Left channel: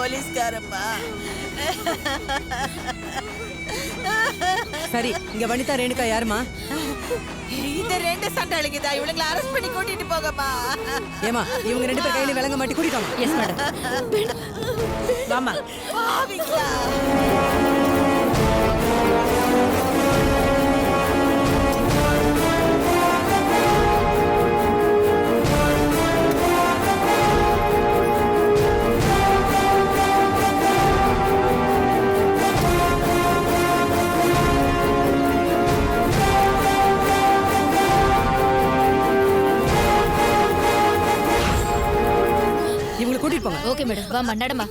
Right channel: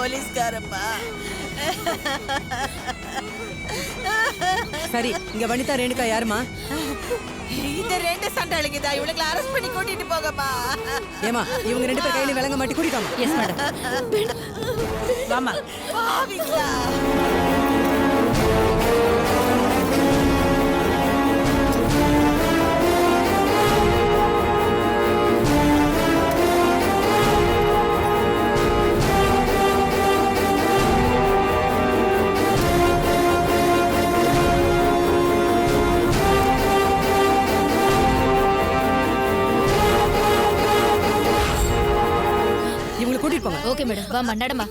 போலீஸ்காரம்மா. சரி, இங்க வனிதா ரேணுகா யாருமா? இந்த ரெண்டு சண்டாளிங்கதான், இவளுங்களை அரெஸ்ட் பண்ணி கூட்டிட்டு போகமா. ஏமா, இவங்க ரெண்டு பேர் கையில விளங்க மாட்டி கூட்டிட்டாமா? Yes madam. வாமா. பாவிங்களா. இவங்களை கூட்டிட்டு போங்க. Okay madam. வாமா, நடமா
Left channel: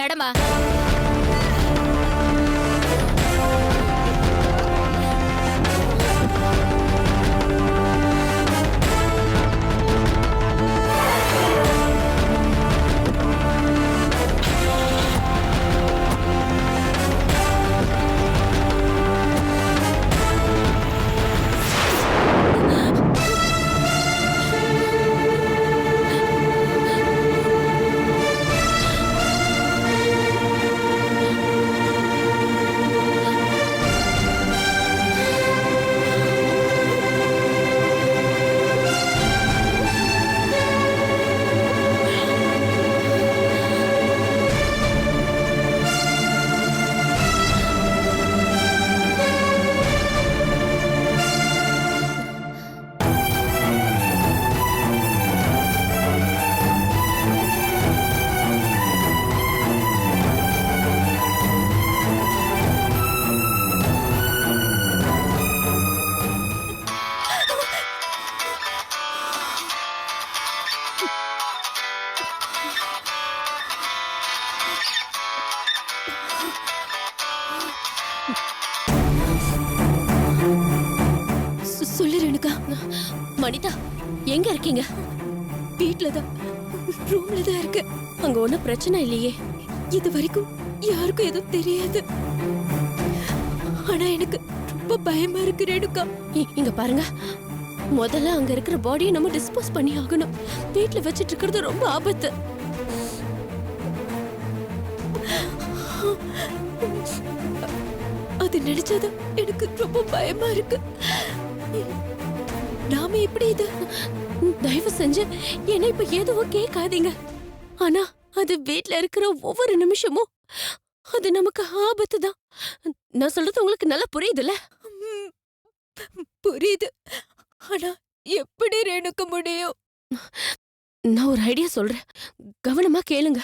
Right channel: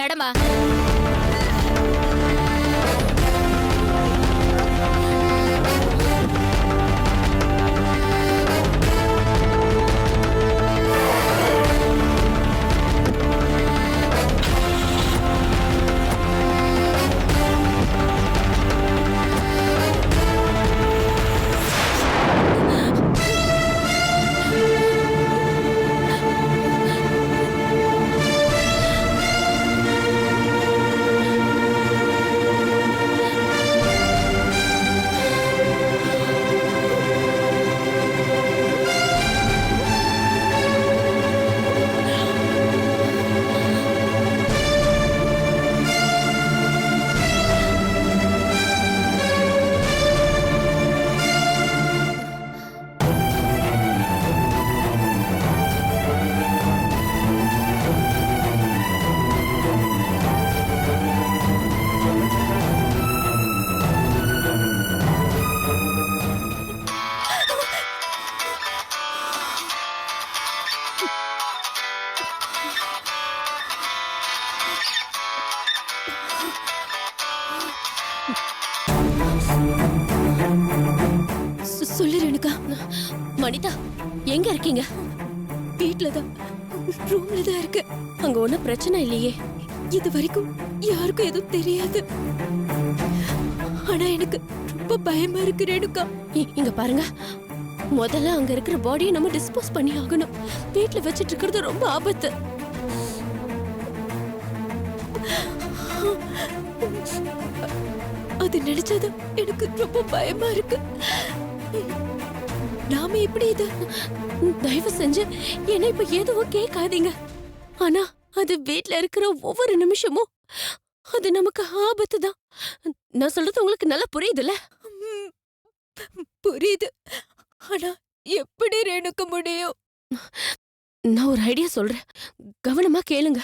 நடமா. சொல்லு ரேணுகா. மனிதா எங்க இருக்கீங்க? வீட்லதான், ரூம்ல தான் இருக்கு. அங்க ஒன்னும் பிரச்சனை இல்லையே? இது வரைக்கும் யாருக்கும் எதுவும் தெரியாது. ஆனா எனக்கு ரொம்ப பயமா இருக்கு ரேணுகா. இங்க பாருங்க, முதல்ல அங்க இருக்கிற பாடியை நம்ம டிஸ்போஸ் பண்ணி ஆகணும். வீட்ல வச்சிட்டு இருக்கிறது ரொம்ப ஆபத்து. அது நினைச்சாதான் எனக்கு ரொம்ப பயமா இருக்கு. நாம இப்படி இது, தயவு செஞ்சு என்ன இப்ப எதுவும் கேட்காதீங்க. ஆனா அது வீட்ல இருக்கிற ஒவ்வொரு நிமிஷமும் அது நமக்கு ஆபத்து தான். நான் சொல்றது உங்களுக்கு நல்லா புரியுதுல்ல? புரியுது. ஆனா எப்படி ரேணுக முடியும்? நான் ஒரு ஐடியா சொல்றேன், கவனமா கேளுங்க.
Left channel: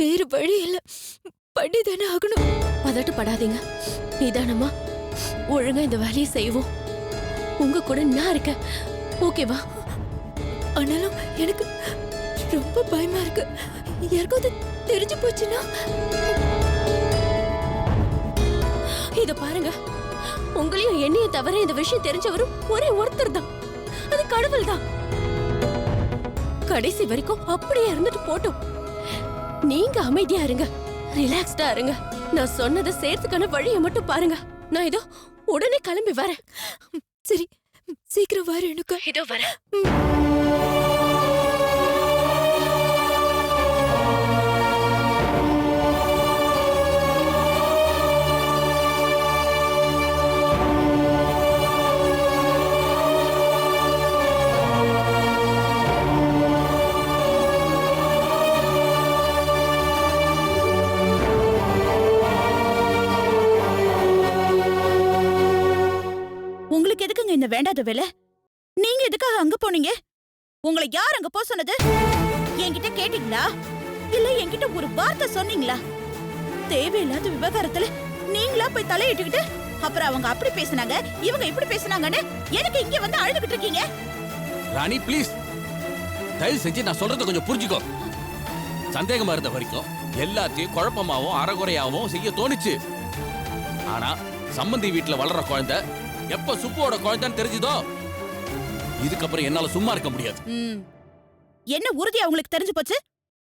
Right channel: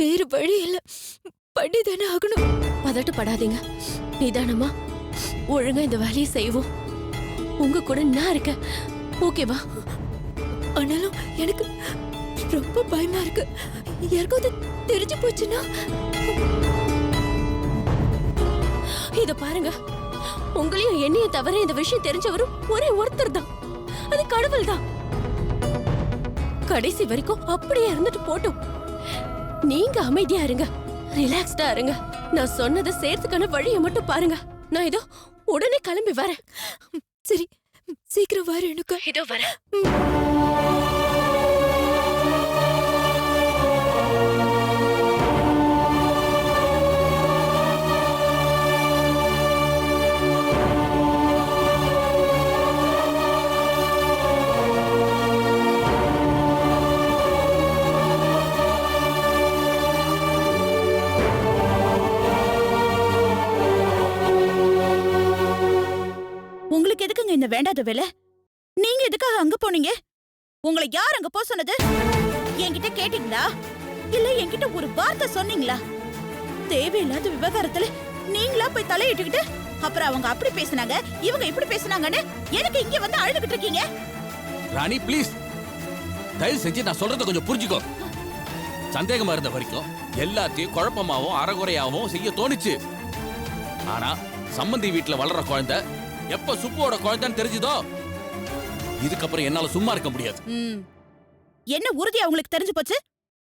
வேறு வழி இல்ல, பண்ணிதானே ஆகணும். பதட்டப்படாதீங்க, நிதானமா ஒழுங்கா இந்த வேலையை செய்வோம். உங்க கூட நான் இருக்கேன், ஓகேவா? ஆனாலும் எனக்கு ரொம்ப பயமா இருக்கு. யாருக்காவது தெரிஞ்சு போச்சுன்னா? இத பாருங்க, உங்களையும் என்னையும் தவிர இந்த விஷயம் தெரிஞ்சவரும் ஒரே ஒருத்தர் தான், அது கடவுள் தான். கடைசி வரைக்கும் அப்படியே இருந்துட்டு போட்டும். நீங்க அமைதியா இருங்க, ரிலாக்ஸ்டா இருங்க. நான் சொன்னதை சேர்த்துக்கான வழியை மட்டும் பாருங்க. நான் இதோ உடனே கிளம்பி வரேன். சரி, சீக்கிரம் வர. எனக்கு இதோ வரேன். உங்களுக்கு எதுக்குங்க இந்த வேண்டாத வேலை? நீங்க எதுக்காக அங்க போனீங்க? உங்களை யார் அங்க போக சொன்னது? என்கிட்ட கேட்டீங்களா? இல்ல என்கிட்ட ஒரு வார்த்தை சொன்னீங்களா? தேவையில்லாத விவகாரத்துல நீங்களா போய் தலையிட்டுக்கிட்டு அப்புறம் அவங்க அப்படி பேசினாங்க, இவங்க இப்படி பேசினாங்கன்னு எனக்கு இங்க வந்து அழுதுகிட்டு இருக்கீங்க. ராணி ப்ளீஸ், தயவு செஞ்சு நான் சொல்றத கொஞ்சம் புரிஞ்சுக்கோ. சந்தேகமா இருந்த வரைக்கும் எல்லாத்தையும் குழப்பமாவும் அறகுறையாவும் செய்ய தோணுச்சு. ஆனா சம்பந்தி வீட்டுல வளர்ற குழந்தை எப்ப சுப்புவோட குழந்தைன்னு தெரிஞ்சுதோ இதுக்கப்புறம் என்னால சும்மா இருக்க முடியாது. என்ன உறுதியா உங்களுக்கு தெரிஞ்சு போச்சு?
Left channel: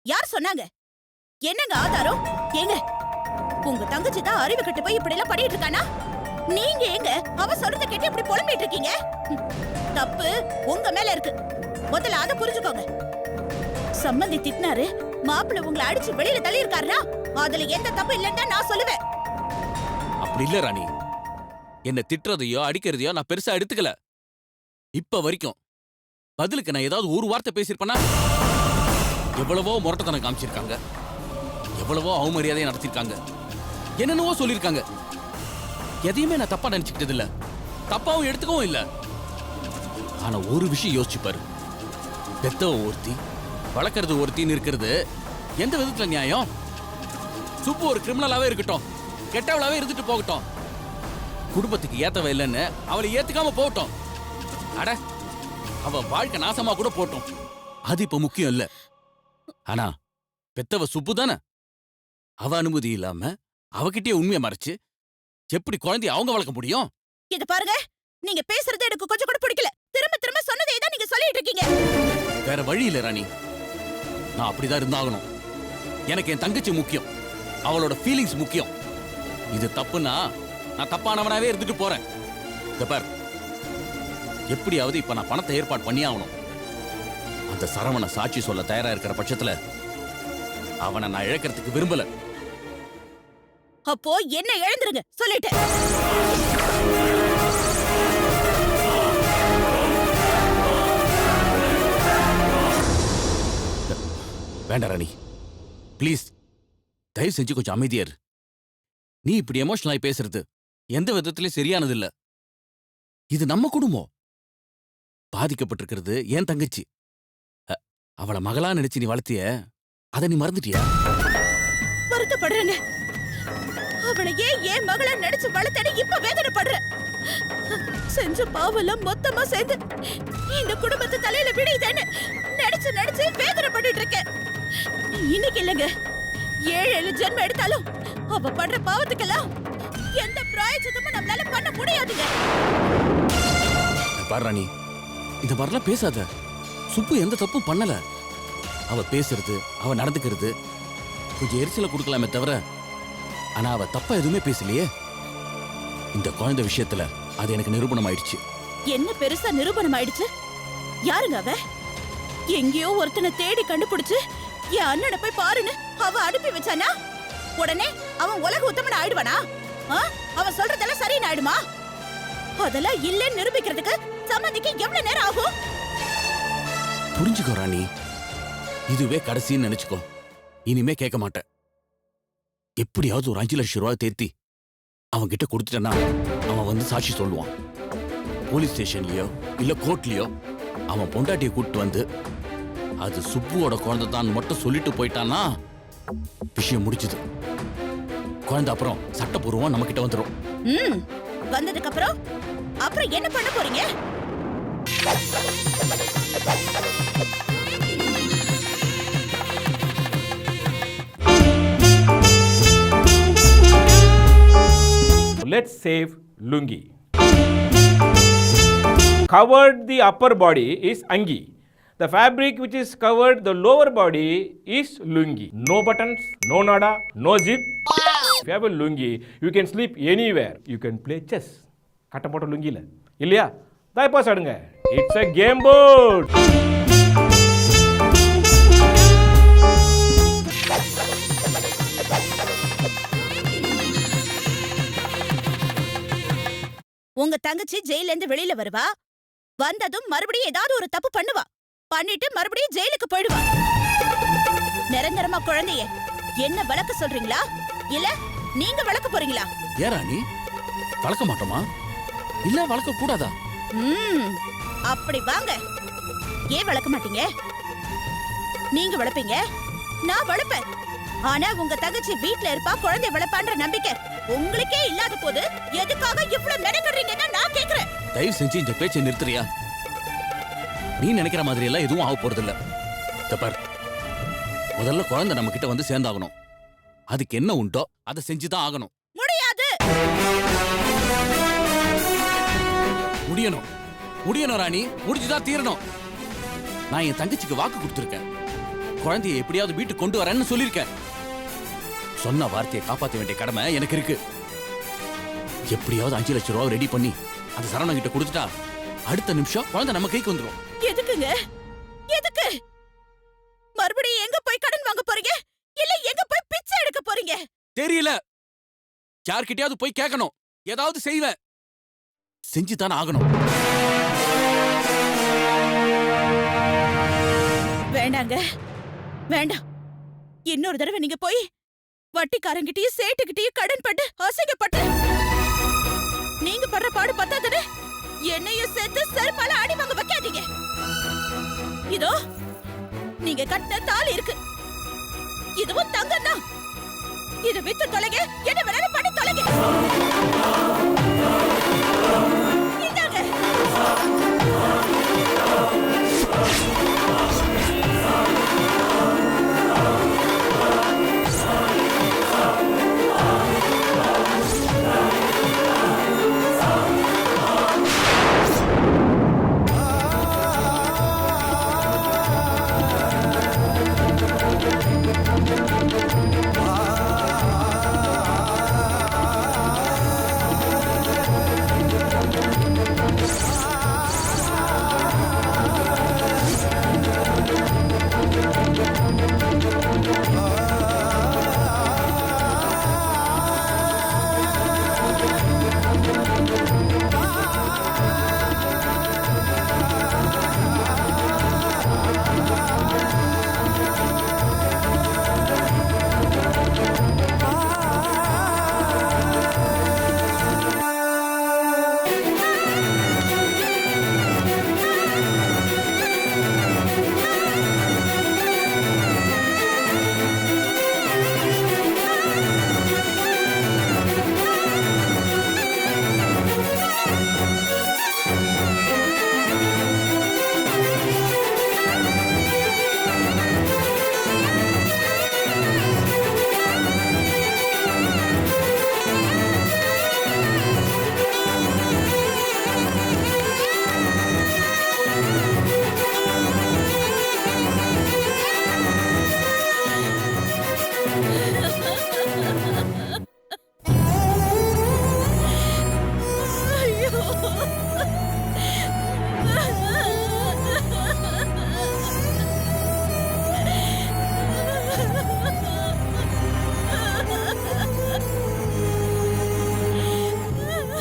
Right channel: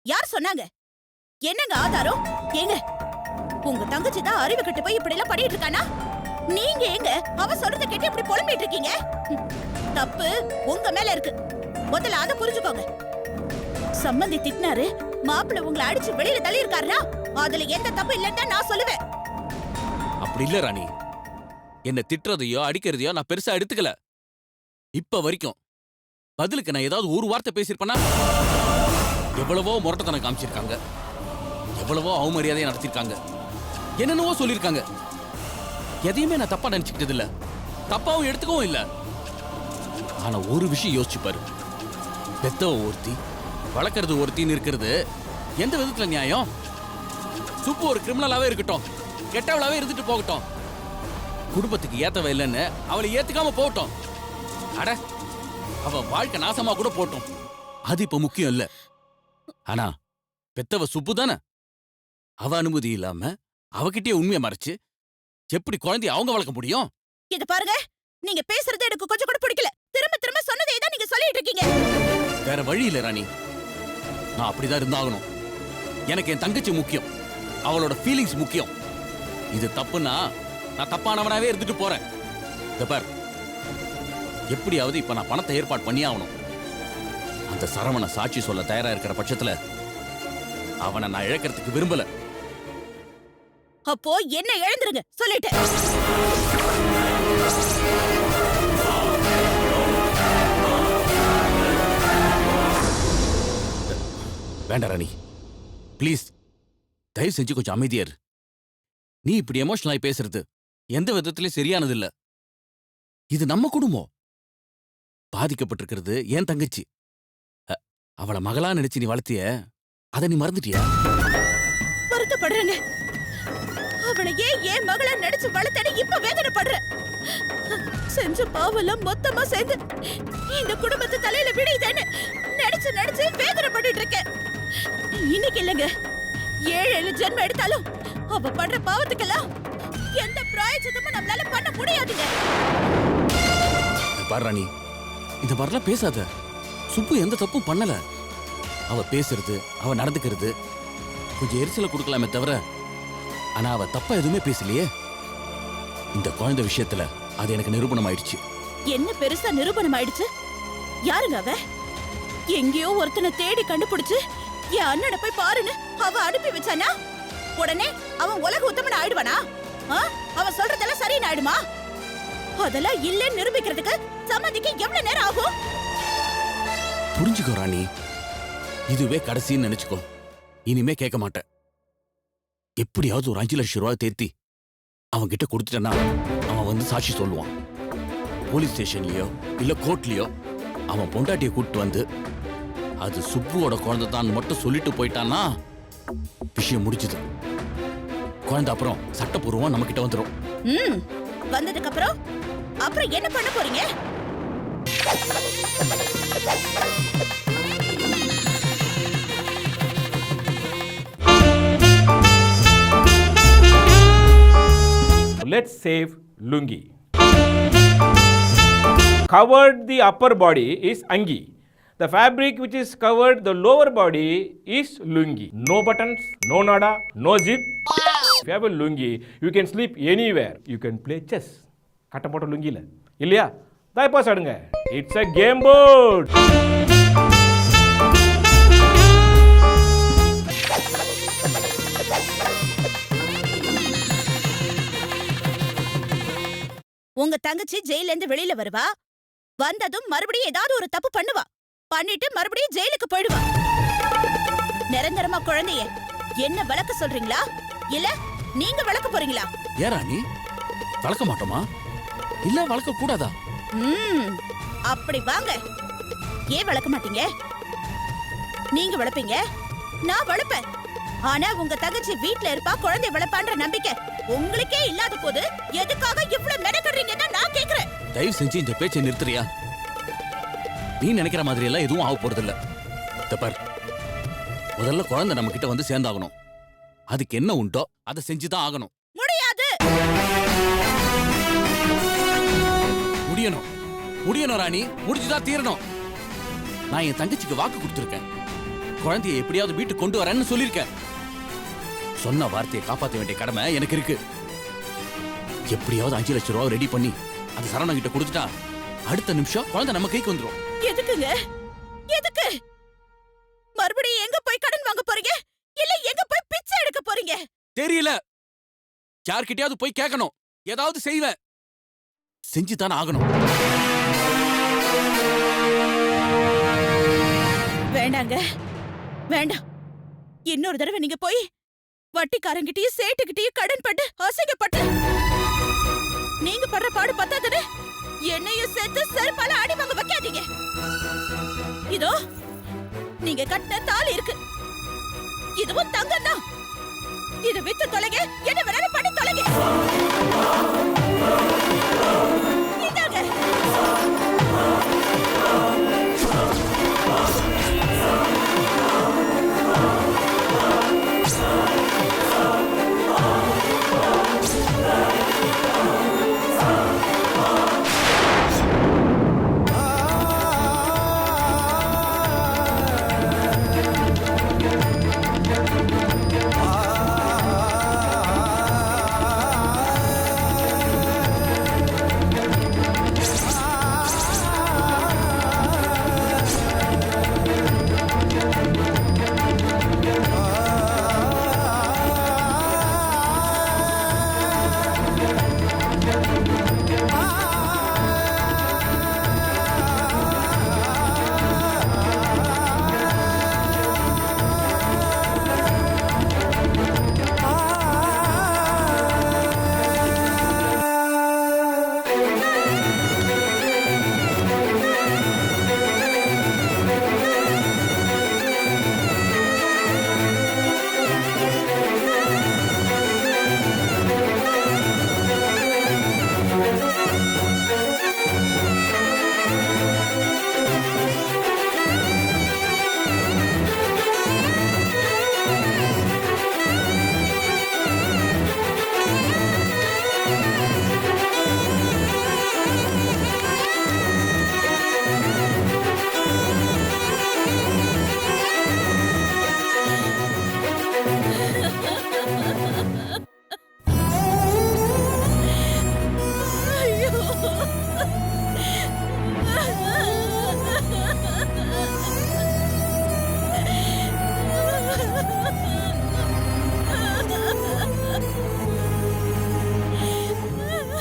யார் சொன்னாங்க? என்னங்க ஆதாரம்? ஏங்க உங்க தங்கச்சி தான் அறிவு கட்டு போய் இப்படி எல்லாம் பண்ணிட்டு இருக்கானா? நீங்க எங்க அவ சொல்றத கேட்டு இப்படி புலம்பிட்டு இருக்கீங்க? தப்பு உங்க மேல இருக்கு. முதல்ல அத புரிஞ்சுக்கோங்க. சம்பந்தி திட்டினாரு, மாப்பிள்ளை உங்களை அடிச்சு வெளியில தள்ளி இருக்காருன்னா அதுல எந்த தப்பு இல்லைன்னு தான் நான் சொல்லுவேன். அப்படி இல்ல ராணி, என்ன திட்டுறதையோ அடிக்கிறதையோ நான் பெருசா எடுத்துக்கல. இப்ப வரைக்கும் பதிலுக்கு நான் ஏதாவது ஒரு வார்த்தை பேசியிருப்பேனா? எவ்வளவோ முரட்டத்தனம் காமிச்சிருக்காங்க, எவ்வளவோ அவமரியாதையை நடத்திருக்காங்க, என்னென்னவோ சொல்லிருக்காங்க. எதையுமே நான் தப்பா நினைச்சுக்கிட்டது இல்ல, தப்பாவும் எடுத்துக்கவும் இல்ல. ஆனா ஒரு விஷயம் யோசிச்சு பாரு, பெத்தவ ஒருத்தி வளர்க்கறது ஒருத்தின்னு இருக்கிறது எந்த விதத்துல நியாயம்? சுப்பு ஒரு கிரிமினலாவே இருக்கட்டும், கெட்டவளாவே இருந்துட்டு போகட்டும், குடும்பத்துக்கு ஏத்தவ இல்லைன்னு அவளை ஏத்துக்காம போகட்டும். அட அவ வாழ்க்கை நாசமா கூட போட்டோம், அது இப்ப முக்கியம் இல்ல. ஆனா பெத்தவ சுப்பு தானே, அவ அனுமதி இல்லாம அவகிட்டயே உண்மையை மறைச்சு எப்படி குழந்தைய அவங்க வளர்க்க முடியும்? இது பாருங்க, நீங்க பேசுறது எனக்கு கொஞ்சம் கூட பிடிக்கல. திரும்ப திரும்ப சொன்னதே தான் நீங்க சொல்லிட்டு இருக்கீங்க. வேற வழி இல்ல ராணி, நான் அப்படிதான் இருந்தாகணும். எனக்கு என் தங்கச்சி முக்கியம், அவளோட ஃபீலிங்ஸ் முக்கியம். இது தப்புன்னா நான் தப்பானவனாவே இருந்துட்டு போறேன். இந்த பார், எப்படியாவது இப்ப நான் பணத்தை ஏற்பாடு பண்ணி ஆகணும். அந்த சரவண சாட்சி சொல்ல தயாரா இருக்கிற பட்சத்துல அவனை நான் இழக்கிறதுக்கு விரும்பல. அப்போ என்ன எழுந்துருங்க சொல்லிட்டேன். வேண்டாம் ராணி, ப்ளீஸ் தயவு செஞ்சு கொஞ்சம் அமைதியா இரு. நீ இப்படி எமோஷனலாய் பேசுறது எந்த விதத்திலயும் சரியானது இல்ல. இது நம்ம குடும்பம், பாதிக்கப்பட்டிருக்கிறது என் தங்கச்சி. அவளை மகளா நினைச்சு நீ வளர்த்திய, அதை நீ மறந்துட்டியா? வருத்தப்படுறேன்னு அவளையே ஏன் மகளா நினைச்சு வளர்த்தேன்னு இப்ப வேதனைப்படுற. செஞ்ச பாவெல்லாம் மொத்தமா சேர்ந்து இந்த குடும்பத்து தலையில விடுதேன்னு நினைச்சு நினைச்சு வேதனைப்பட்டு இருக்கேன். இன்னைக்கு இல்லங்க, 7 ஜென்மம் எடுத்தாலும் அவ பண்ற பாவத்துக்கெல்லாம் எந்த பிராயச்சித்தமும் நம்மளால பண்ண முடியாதுங்க. பாரு ராணி, இந்த மாதிரிலாம் பேசாத. சுப்பு எந்த தப்பும் பண்ணல. அவ பேசுறது, அவ நடந்துக்கிறது கொஞ்சம் எரிச்சலை கொடுக்கலாமே தவிர, ஆனா அவ தப்பா எதுவுமே பேசலையே. இந்த குழந்தை விஷயத்துல அது எனக்கு நிரூபணம் ஆயிடுச்சு. என்ன பெருசா நிரூபணம் ஆயிடுச்சு? யாருங்க அவ? எங்கேயோ ஒருத்தனை தேடி கண்டுபிடிச்சு என் அண்ணனை போய் பாருன்னு அவ அனுப்பி வச்சானா உடனே அவன் உலக உத்தமன் ஆயிடுவானா? அவன் சொல்றதெல்லாம் சரின்னு ஆயிடுமா? அதெல்லாம் இல்லைன்னு நிரூபிக்கிறதுக்கு சம்மதிக்கு எவ்வளவு நேரம் ஆகும்? புரிஞ்சுக்கோ ராணி, இதுவே கடைசின்னு நினைச்சுக்கோ. இனிமே கேட்க மாட்டேன். எப்படியாவது ஒரு 5 லட்சம் ரூபாய் தேர்த்தி அவன் கிட்ட கொடுத்துட்டேன்னா அவன் வந்து சாட்சி சொல்லுவான். போலீஸ் ஸ்டேஷன்லயோ இல்ல கோர்ட்லயோ அவன் பொண்டாட்டியை கூப்பிட்டு வந்து அது சுப்புவோட குழந்தை தான் மட்டும் சொல்லிட்டு போயிட்டான்னா விஷயம் முடிச்சுது. குழந்தை அப்புறம் சட்டப்பூர்வமா நம்ம கிட்ட வந்துடும். வந்ததுக்கு அப்புறம் என்ன பண்ண போறீங்க? Let's save lungi. Covered the upper body is angi. The fabric which is covered the lower body is lungi. No buttons, no nada, no zip. If you have a lungi, you can sleep anywhere. You can play chess. கட்ட போட்ட லுங்கில இல்லையா? தாய்ப்பாஸ் ஆடுங்க. It's a game board. உங்க தங்கச்சி ஜெயில இருந்து வெளியில வருவா. வந்ததும் மறுபடியும் ஏதாவது ஒரு தப்பு பண்ணுவா. பண்ணிட்டு மறுபடியும் ஜெயிலுக்கு போயிடுவா. நிரந்தரமா குழந்தைய என்ன வளர்க்க சொல்றீங்களா இல்ல நீங்க வளர்க்க போறீங்களா? ஏரா நீ வளர்க்க மாட்டோமா இல்ல வளர்க்க கூடாதா? அப்படி வாங்க. ஏன் வளர்க்க மாட்டீங்க? நீங்க வளர்ப்பீங்க, நான் வளர்ப்பேன். ஆனா உங்க தங்கச்சி வீட்ல இருப்பா, குழந்தை வளர்ப்பான்ற நம்பிக்கை உங்களுக்கே இல்லாத போது எதுக்காக இவ்வளவு மெனக்கறீங்கன்னு நான் கேக்குறேன். தயவு செஞ்சு இந்த பேச்சை நிறுத்துறியா? நீ நினைக்கிற மாதிரி எல்லாம் எதுவும் ஆக போறது இல்ல. பார், முதல்ல குழந்தை நம்ம கிட்ட வந்து சேர்ந்தாகணும். அதுக்கு என்ன உண்டோ அதை செஞ்சுதான் ஆகணும். முடியாது. முடியணும் முடியணும் ராணி, முடிச்சுதான் தீரணும். நான் என் தங்கச்சிக்கு வாக்கு கொடுத்திருக்கேன். குழந்தையை எப்படியாவது வீட்டுக்கு கொண்டு வரேன்னு சொல்லியிருக்கேன். சொன்ன வார்த்தையை காப்பாற்ற வேண்டிய கடமை எனக்கு இருக்கு. எப்படியாவது 5 லட்சம் ரூபாய் ரெடி பண்ணி அந்த சரவணன் கிட்ட கொடுத்துட்டா அடுத்த நிமிஷம் குழந்தை நம்ம கைக்கு வந்துரும். எதுக்குங்க? எதுக்கு? மறுபடியும் எங்க போய் கடன் வாங்க போறீங்க? இல்ல எங்க போய் பிச்சை எடுக்க போறீங்க? தெரியல. யார்கிட்டயாவது போய் கேட்கணும். ஏதாவது செய்வேன். செஞ்சுதானே ஆகணும். வேண்டாங்க, வேண்டாம். இன்னொரு தடவை நீங்க போய் வட்டிக்காரங்கிட்டயும் சேட்டுக்கிட்டயும் கடன் பட்டு அசிங்கப்பட்டு நீங்க படுற பாடு பத்தாதுன்னு என்னையும் சேர்த்து செருப்பால அடி வாங்க வைக்காதீங்க. இதோ நீங்க கட்டின தாலி இருக்கு, இதுவும் தங்கம் தான். இத வித்து தொலைங்க, என்ன வேணாலும் பண்ணி தொலைங்க. இந்தாங்க.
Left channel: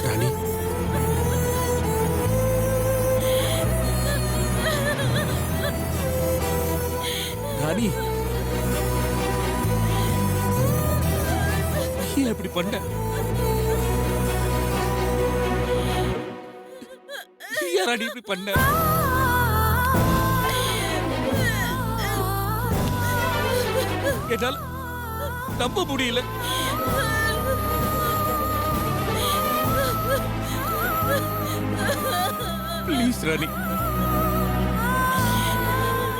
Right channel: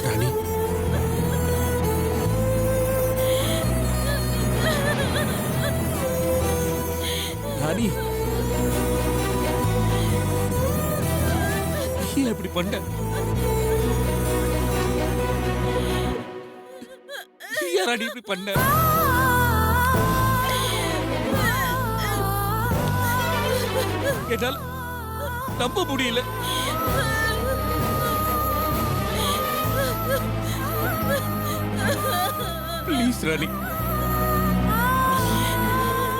ராணி, ராணி, ஏன் இப்படி பண்ண? ஏன் ராணி இப்படி பண்ண? என்னால நம்ப முடியல. ப்ளீஸ் ராணி,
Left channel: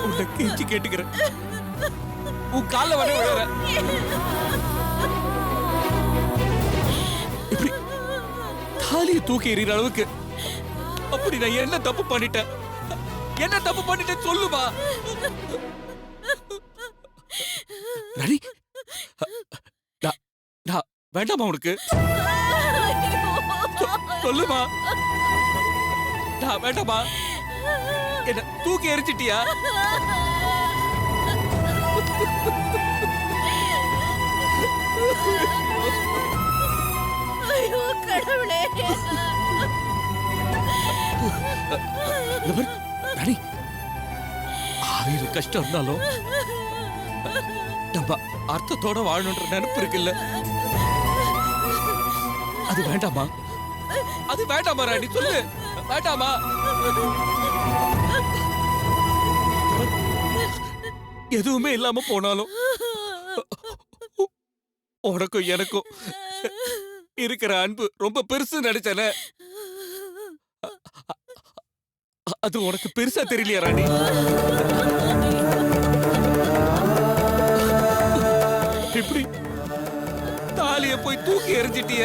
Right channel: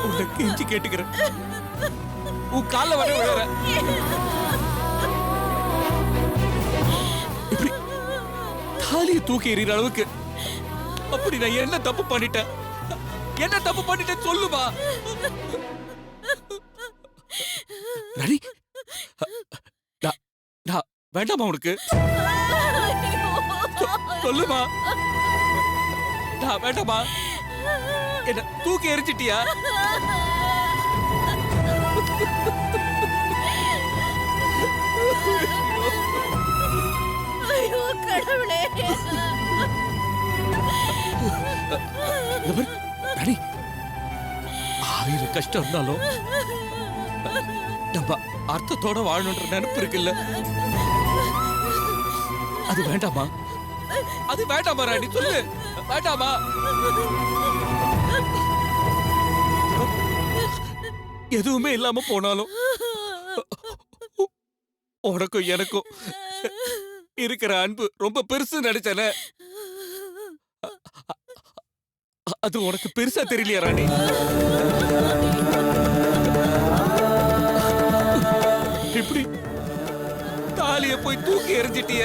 உன்னை கெஞ்சி கேட்டுக்கிறேன். உன் கால வர விழற. இப்படி தாலியை தூக்கி எறிகிற அளவுக்கு அப்படி நான் என்ன தப்பு பண்ணிட்டேன்? என்ன தப்பு பண்ணிட்டேன் சொல்லுமா? ராணி, வேண்டாமா உனக்கு? சொல்லுமா. வேண்டாமா? என்ன தூக்கி எரிச்சிட்டியா? ஐயோ கடவுளே. ராணி, 1000 கஷ்டம் இருந்தாலும் நம்ம அர்த்தத்தோட வாழணுன்ற நினைப்பு இருக்குல்ல, அது வேண்டாமா? அது வேண்டாமா ராணி? சொல்லு, வேண்டாமா? எதுவுமே இல்லாம போனாலும் உனக்கும் எனக்கும் இருக்கிற அன்பு ரொம்ப பெருசு நினைச்சன. அது உனக்கு பெருசா தெரியலையா ராணி? இப்படி தாலிய போய் தூக்கி எறிஞ்சிட்டிய.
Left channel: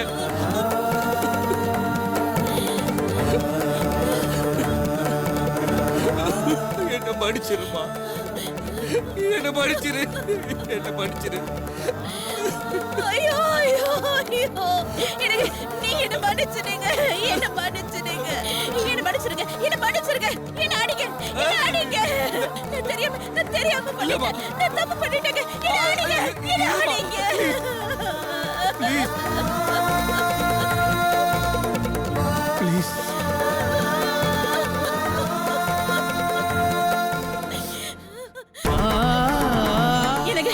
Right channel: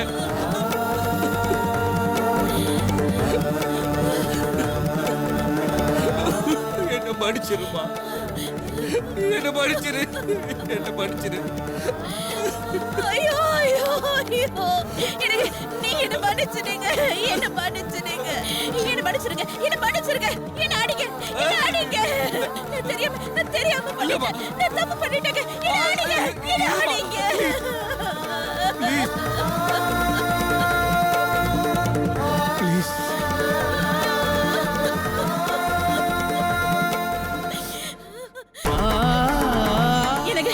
என்ன மன்னிச்சிருமா, என்ன மன்னிச்சிரு, என்ன மன்னிச்சிரு. ஐயோ ஐயோ ஐயோ எனக்கு நீங்க என்ன மன்னிச்சிடுங்க, என்ன மன்னிச்சிடுங்க, என்ன மன்னிச்சிருங்க, என்ன மன்னிச்சிருங்க, என்ன அடிங்க, என்ன அடிங்க. நான் தெரியாம பண்ணிட்டேன், நான் தப்பு பண்ணிட்டேங்க. என்ன அடிங்க, என்ன அடிங்க. ப்ளீஸ் எனக்கு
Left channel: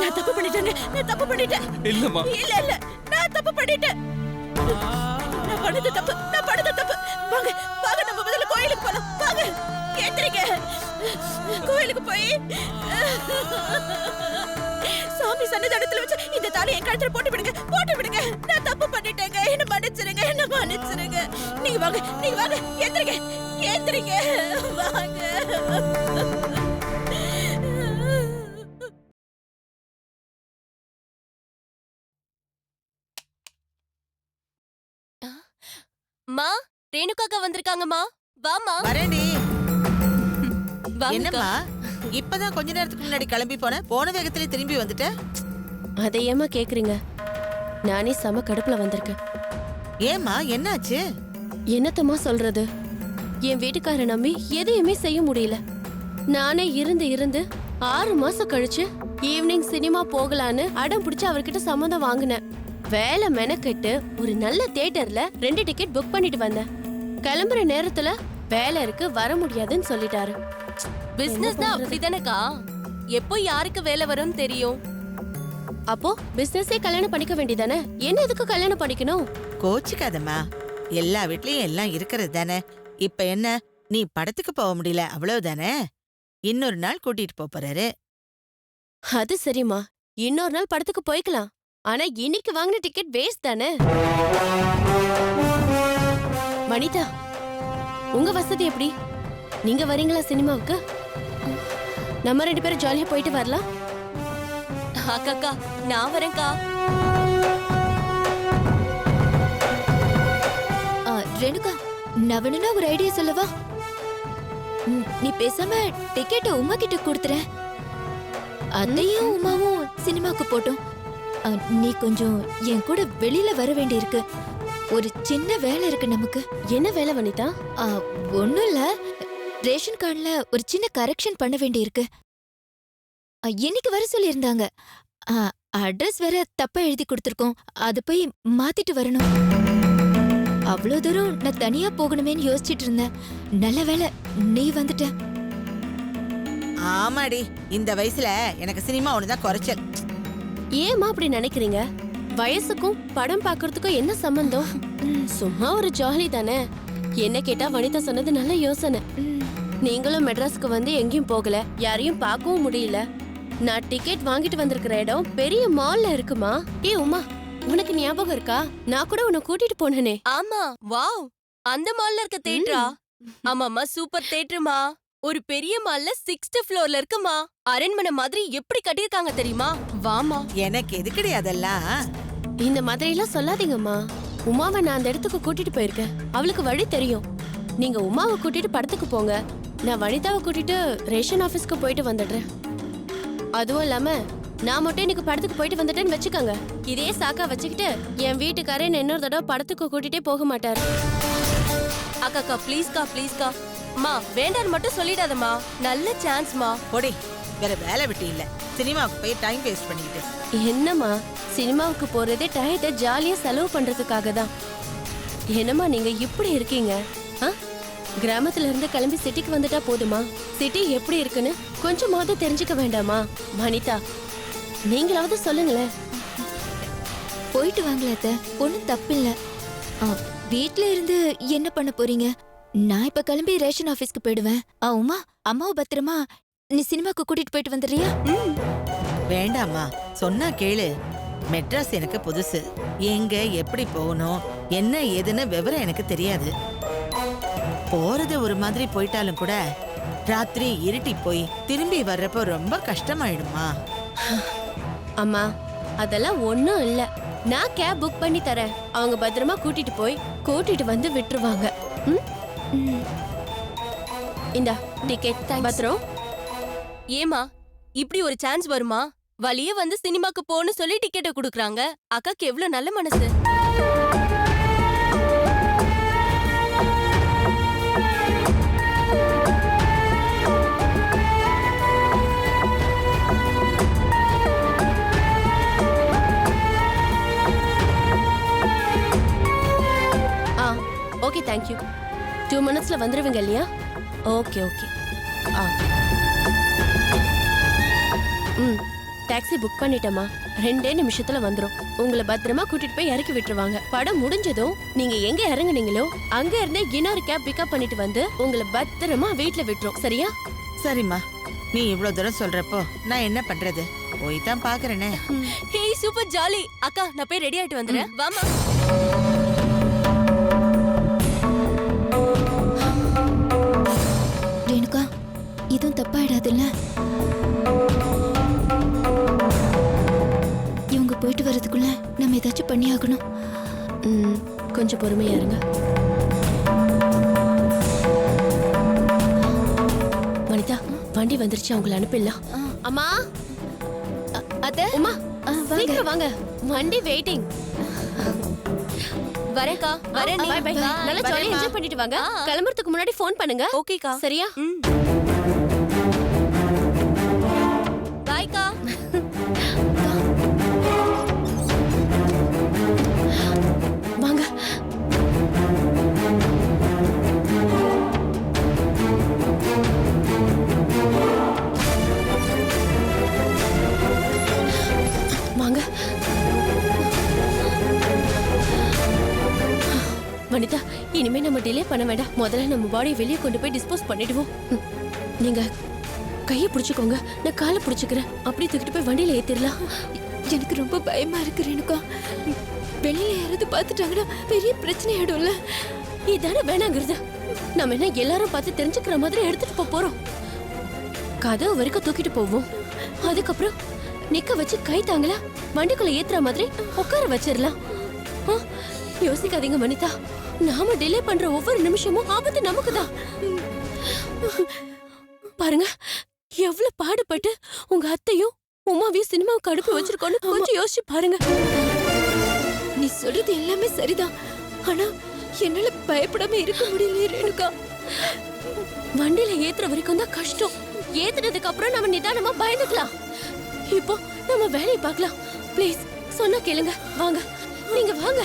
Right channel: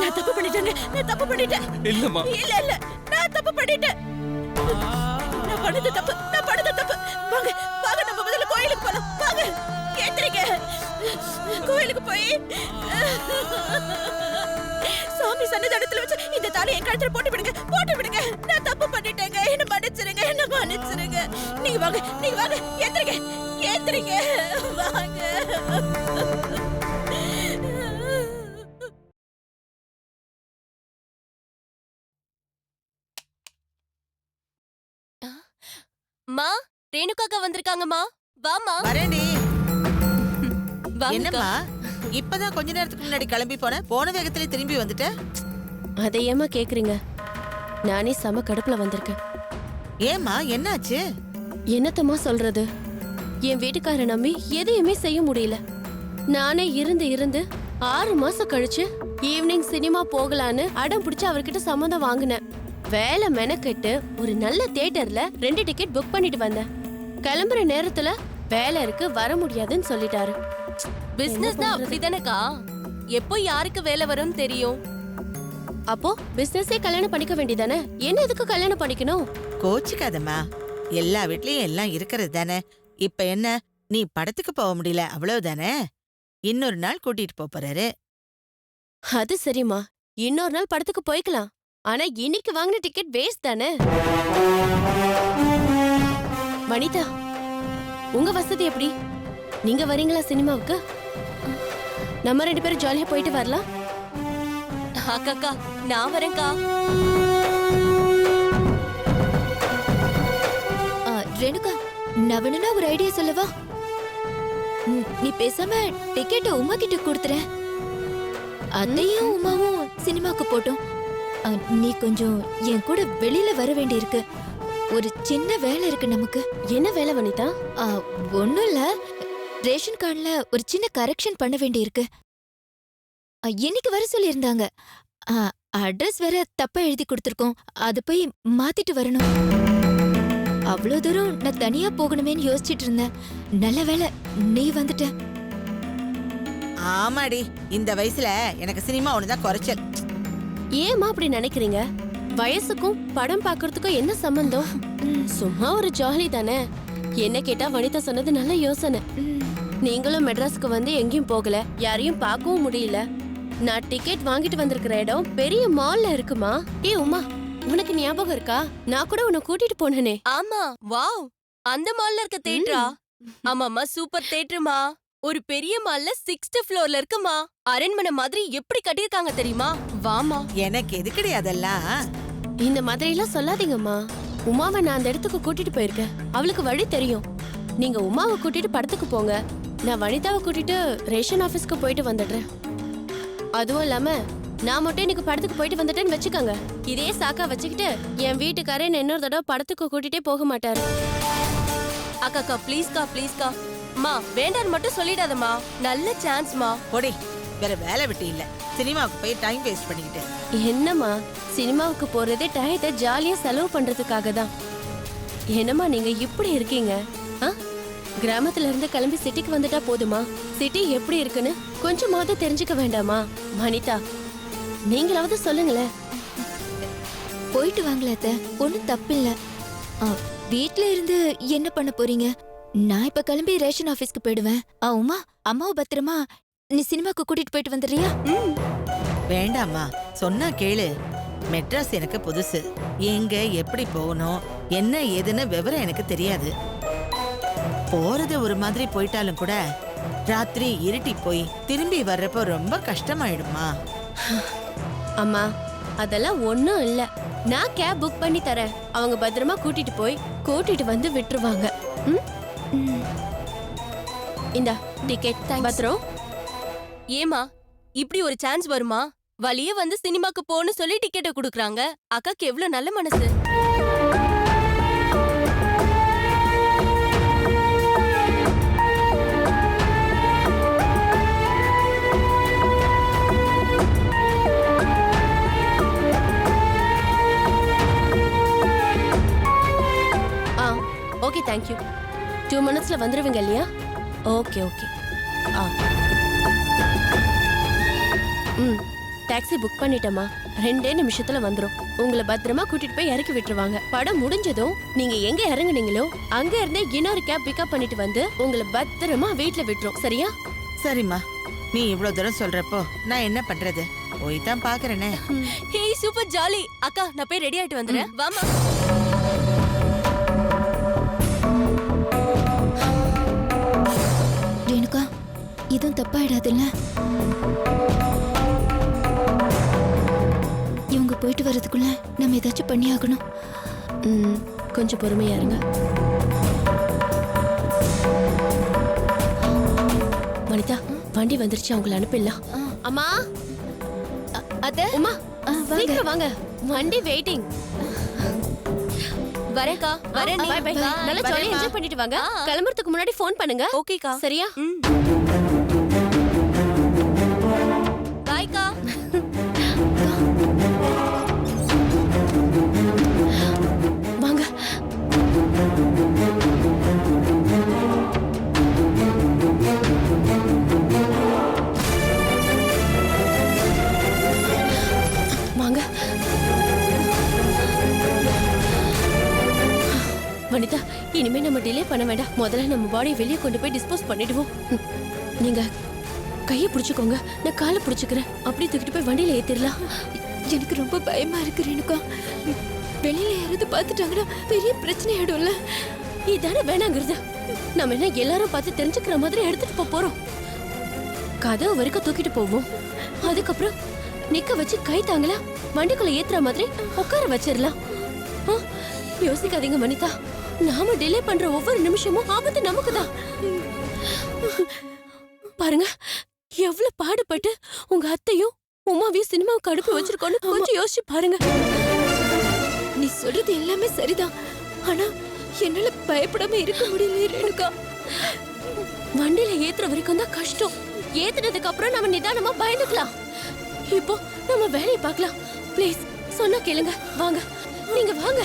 நான் தப்பு பண்ணிட்டேங்க, நான் தப்பு பண்ணிட்டேன். இல்லம்மா. இல்ல இல்ல நான் தப்பு பண்ணிட்டேன். நான் பண்ணது தப்பு, நான் பண்ணது தப்பு. வாங்க வாங்க நம்ம முதல்ல கோயிலுக்கு போலாம். வாங்க கேட்றீங்க, கோயிலுக்கு போய் சாமி சன்னதானத்துல வச்சு இந்த தாலி என் கழுத்துல போட்டு விடுங்க, போட்டு விடுங்க. நான் தப்பு பண்ணிட்டேங்க, என்ன மன்னிச்சிருங்க, என்ன மன்னிச்சிருங்க. நீங்க வாங்க, நீங்க வாங்க, ஏந்திரிங்க, ஏந்திரிங்க, வாங்க. மா, ரேணுகாக்கா வந்திருக்காங்கம்மா. வாமா. வரேன்டி. வாங்கக்கா. என்னம்மா இப்பதான் கொஞ்ச நேரத்துக்கு முன்னாடி கிளம்பி போன, போன வேகத்திலே திரும்பி வந்துட்ட? அதை ஏமா கேக்குறீங்க? நானே செம கடுப்புல வந்திருக்கேன். ஏம்மா என்னாச்சு? என்னத்தம்மா சொல்றது? என் வீட்டுக்கார நம்பி எதையுமே செய்ய முடியல. நானே இருந்து இருந்து 6 மாசம் கழிச்சு ஈவினிங் சினிமா போகலான்னு அடம் பிடிச்சு அவர்கிட்ட சம்மதம் வாங்கினேன். வேலை மெனக்கெட்டு ஒரு நல்ல தியேட்டர்ல 2 டிக்கெட் புக் பண்ணிட்டு வந்தேன். கிளம்புற நேரத்துல வேலை இருக்கு, வர முடியாதுன்னு சொல்லிட்டாரு. பிசினஸ் தான் அப்படிதானக்கா, எப்போ யாருக்கு வேலை வரும்னு தெரியும். அப்போ பிசினஸே கல்யாணம் பண்ணிக்க வேண்டியதானே? என்ன எதுக்கு கல்யாணம் பண்ணிக்கணும்? கோச்சிக்காதம்மா, எல்லா வீட்லயும் எல்லாம் இருக்கிறது தானே. இப்ப என்ன, நீ படத்துக்கு போக முடியல அவ்வளவுதானே. இன்னொரு நாள் கூட்டிட்டு போறாரு. அது சரிம்மா, இன்னொரு நாள் படத்துக்கு போய்க்கலாம். ஆனா இன்னைக்கு வாங்கின டிக்கெட் வேஸ்ட் தானே. வனிதா, உங்க வசதி எப்படி? நீங்க வரீங்களா சினிமாவுக்கு? நம்ம 2 பேரும் ஜாலியா போயிட்டு வரலாம். அக்கா, நான் வரேன்க்கா. ரேணுகா, நான் வேணும்னா ஒரு ஐடியா சொல்லவா? நீ பேசாம டிக்கெட்டை உமா கிட்ட கொடுத்துற. அத்தையும் உமாவும் சினிமாக்கு போட்டோம். நீ கொஞ்சம் என் கூட வெளியில வர வேண்டியிருக்கு. ஒரு சின்ன வேலை இருக்கு நமக்கு. என்ன வேலை வனிதா? ஒண்ணும் இல்ல, ரேஷன் கார்டுல ஒரு சின்ன கரெக்ஷன் பண்ண வேண்டியிருக்கு. இன்னைக்கு வர சொல்லியிருந்தாங்க. அட்ரஸ் வேற தப்பா எழுதி கொடுத்துருக்கோம். அது போய் மாத்திட்டு வரணும். அவ்வளோ தூரம் நான் தனியா போகணுமேன்னு யோசிச்சுட்டு இருந்தேன். நல்ல வேலை நீ வந்துட்ட. ஆமாடி, இந்த வயசுல எனக்கு சினிமா ஒண்ணுதான் குறைச்சல். ஏமா அப்படி நினைக்கிறீங்க? வயசுக்கும் படம் பாக்குறதுக்கும் என்ன சம்பந்தம்? சும்மா ஒரு ஜாலி தானே. என்ன கேட்டா வனிதா சொன்னது நல்ல யோசனை. நீங்களும் மெட்ராஸ்க்கு வந்து எங்கேயும் போகல, யாரையும் பார்க்கவும் முடியல. நான் டிக்கெட் வாங்கிட்டு வந்திருக்கிற இடம் பெரிய மால்ல இருக்குமா. ஏ உமா, உனக்கு ஞாபகம் இருக்கா? நான் கூட உன்னை கூட்டிட்டு போனேனே. ஆமா, வாவ், அந்த மால்ல இருக்க தியேட்டரா? ஆமாமா, சூப்பர் தியேட்டர்மா. ஒரு பெரிய மால்ல 6th ஃப்ளோர்ல இருக்குமா. அரண்மனை மாதிரி எப்படி கட்டியிருக்காங்க தெரியுமா? வாமா. எனக்கு எதுக்குடி அதெல்லாம்? இந்த மாதிரி எல்லாம் சொல்லாதீங்கம்மா. உமாவை நான் அந்த இடத்துக்கு கூட்டிட்டு போயிருக்கேன். அவளுக்கு வழி தெரியும். நீங்க உமாவை கூட்டிட்டு படத்துக்கு போங்க. நான் வனிதாவை கூட்டிட்டு ரேஷன் ஆபீஸ்க்கு போயிட்டு வந்துடுறேன். அதுவும் இல்லாம நான் மட்டும் இன்னைக்கு படத்துக்கு போயிட்டு வந்துட்டேன்னு வச்சுக்கோங்க. இதே சாக்கா வச்சுக்கிட்டு என் வீட்டுக்காரே இன்னொரு தடவை படத்துக்கு கூட்டிட்டே போக மாட்டாரு. அக்கா ப்ளீஸ்கா, ப்ளீஸ்கா. மா, வேண்டான்னு மட்டும் சொல்லிடாதம்மா. நல்ல சான்ஸ்மா. போடி, வேற வேலை விட்டு இல்ல, சினிமாவுக்கு போய் டைம் வேஸ்ட் பண்ணிக்கிட்டு. என்னம்மா, சினிமாவுக்கு போறதே டயத்தை ஜாலியா செலவு பண்றதுக்காக தான். என்னம்மா நீங்க இப்படி இருக்கீங்க? கிராமத்துல இருந்து கிளம்பி சிட்டிக்கு வந்துட்டா போதுமா? சிட்டி எப்படி இருக்குன்னு கொஞ்சமாவது தெரிஞ்சுக்க வேண்டாமா? வனிதா, நீங்களாவது சொல்லுங்களேன். போயிட்டு வாங்களே அத்தை, ஒன்னும் தப்பில்ல. வீட்ல இருந்து என்ன பண்ண போறீங்க? நான் இப்ப கிளம்பி ரேஷன் ஆபீஸ்க்கு போயிடுவேன். உமா, அம்மாவை பத்திரமா நீ சினிமாக்கு கூட்டிட்டு போயிட்டு வந்துடுறியா? வேண்டாமா, சொன்னா கேளு. மெட்ராஸ் எனக்கு புதுசு. எங்க எப்படி போகணும், என்ன ஏதுன்னு விவரம் எனக்கு தெரியாது. போறது ஒரு மாதிரி போயிட்டாலும் கூட ராத்திரி இருட்டி போய் திரும்பி வர்றப்போ ரொம்ப கஷ்டமாயிடுமா. அம்மா, அதெல்லாம் ஒண்ணும் இல்ல. நான் கேப் புக் பண்ணி தரேன். அவங்க பத்திரமா கூட்டிட்டு வந்து விட்டுருவாங்க. இந்த டிக்கெட் பத்திரம். ஏமா இப்படி ஒரு சான்ஸ் வருமா? வழியே வந்து சினிமாக்கு போன்னு சொல்லி டிக்கெட்டை குடுக்குறாங்க. அக்காக்கு எவ்வளவு நல்ல மனசு. Okay, thank you. 2 மினிட்ஸ்ல வந்துருவீங்க இல்லையா? ஓகே. Taxi book பண்ணிட்டேமா. 2 நிமிஷத்துல வந்துரும். உங்களை பத்திரமா கூட்டிட்டு போய் இறக்கி விட்டுருவாங்க. படம் முடிஞ்சதும் நீங்க எங்க இறங்குனீங்களோ அங்க இருந்தே இன்னொரு கேப் பிக்கப் பண்ணிட்டு வந்து உங்களை பத்திரமா வீட்டுல விட்டுரும். சரியா? சரிம்மா, நீ இவ்ளோ தூரம் சொல்றப்போ நான் என்ன பண்றது? போய் தான் பாக்குறேனே. ஹே சூப்பர் ஜாலி. அக்கா நான் போய் ரெடி ஆயிட்டு வந்துறேன். வாமா. ரேணுகா, இதுவும் தப்பாயிடாதுல்ல? இவங்க போயிட்டு வர்றதுக்குள்ள நம்ம ஏதாச்சும் பண்ணி ஆகணும். கொஞ்சம் பொறுமையா இருங்க. வனிதா, வண்டி வந்துருச்சு, அவங்கள அனுப்பிடலாம். அம்மா, அத்தை, உமா, சீக்கிரம் வாங்க. வண்டி வெயிட்டிங். வரேன்க்கா. வரேன். Bye bye. நல்லா ஜாலியா என்ஜாய் பண்ணிட்டு வாங்க. கிளம்புறதுக்கு முன்னாடி ஃபோன் பண்ணுங்க. ஓகேக்கா. சரியா? பாய்க்கா. வாங்க. வாங்க. வனிதா, இனிமே நம்ம டிலே பண்ண வேண்டாம். முதல்ல நம்ம பாடியை வெளியே கொண்டு போய் டிஸ்போஸ் பண்ணிடுவோம். நீங்க கையை பிடிச்சுக்கோங்க, நான் காலை பிடிச்சுக்கிறேன். அப்படியே தூக்கிட்டு போய் வண்டியில ஏத்திடலாம். எனக்கு ரொம்ப பயமா இருக்கு ரேணுகா. வெளியில யாராவது பார்த்துட்டாங்கன்னா பெரிய பிரச்சனை ஆயிடும்ல. இதானே வேணாங்கிறது. நம்ம என்ன எல்லாரும் பார்த்து தெரிஞ்சுக்கிற மாதிரி எடுத்துட்டு போறோம். கதவு வரைக்கும் தூக்கிட்டு போவோம். அதுக்கப்புறம் நிக்க வச்சு கை தாங்கல வண்டிக்குள்ள ஏத்துற மாதிரி உட்கார வச்சிடலாம். யோசிக்காதீங்க வனிதா. நாம டிலே பண்ற ஒவ்வொரு நிமிஷமும் ஆபத்து நமக்கு தான். பாருங்க, எவ்வளவு பாடுபட்டு உங்க அத்தையும் உமாவையும் சினிமாவுக்கு அனுப்பி வச்சிருக்கோன்னு கொஞ்சம் யோசிச்சு பாருங்க. நீ சொல்றது எல்லாமே சரிதான். ஆனா என்னால பயப்படாம இருக்க முடியல ரேணுகா. வண்டியில ஏத்துற வரைக்கும் தான் கஷ்டம். ஏத்துனதுக்கு அப்புறம் நம்ம நிதானமா பயந்துக்கலாம். இப்போ நம்ம வேலையை பார்க்கலாம். ப்ளீஸ், சொன்னா கேளுங்க. வாங்க, நீங்க வாங்க.